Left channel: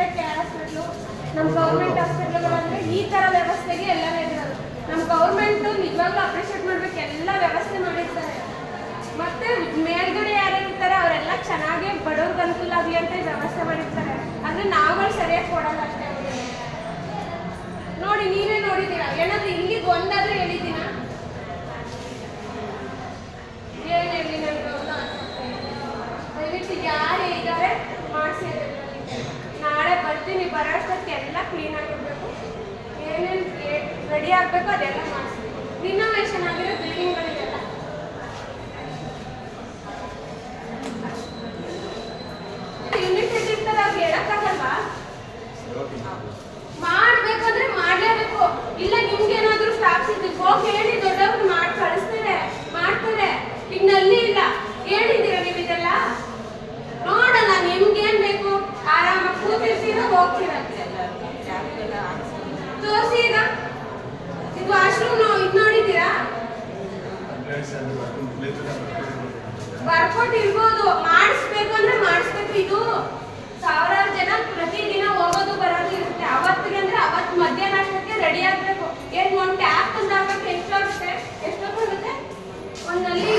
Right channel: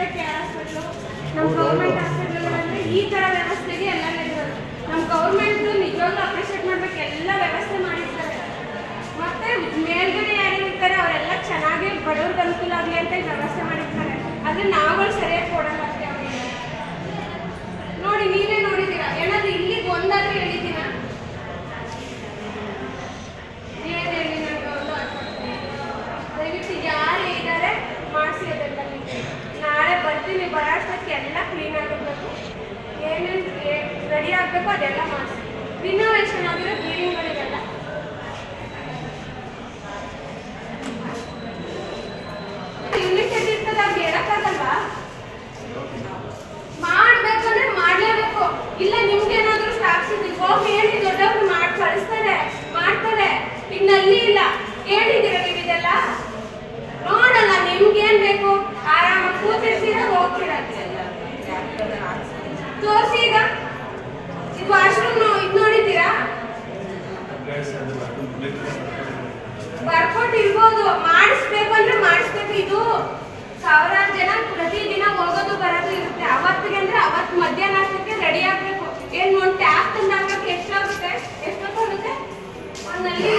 ಆಸ್ಪತ್ರೆ ಕೆಳ ಹಾಸ್ಪಿಟ್ಲು ನಮ್ಮ ಗೌರ್ಮೆಂಟ್ ಹಾಸ್ಪಿಟ್ಲ್ಗಳಲ್ಲಿ ಈ ಥರ ವ್ಯವಸ್ಥೆಗೆ ಎಲ್ಲನೇ ನಮ್ಮ ಗೌರ್ಮೆಂಟು ನಿಜವಾಗ್ಲೂ ಅಪ್ರಿಷಿಯೇಟ್ ಮಾಡ್ಬೇಕು, ಎಲ್ಲ ವ್ಯವಸ್ಥೆ ಬರ್ತೀನಿ ಬರೋ ಎಲ್ಲ ಕ್ಲೀನ್ ಆಗಿರ್ಬೇಕು. ಏನೇನು ರೆಡಿ ಆಗಬೇಕು ಅದೆಲ್ಲ ಮಾಡಿಸಿ. ರಿನೋವೇಷನ್ ಆಗಿರೋ ಬಿಲ್ಡಿಂಗ್ಗಳಿಗೆಲ್ಲ ಬರ್ಕೊಟ್ ಇರ್ಬೋದು. ಮಾಡಿಸ್ಬೇಕು ಅಂದ್ರೆ ಮಾಡಿಸ್ಬೇಕು. ಇದು ಸಾವಿರಾರು ಜನ ಪ್ರತಿದಿನ ಹೋಗೋದು ಬರೋದು ಇರುತ್ತೆ. ಅವತ್ತಿಗೆ ಅಂದ್ರೆ ಅವತ್ತು ಮಧ್ಯಾಹ್ನ ಅಷ್ಟಕ್ಕೆ ರೆಡಿ ಆಗ್ಬೇಕು. ಏನ್, ಒಂದು ಟ್ಯಾಪ್ ತಂದಾಗಬೇಕು. ಎಷ್ಟಾಗುತ್ತೆ ಎಷ್ಟೊತ್ತಾಗುತ್ತೆ ಒಂದಲ್ಲಿ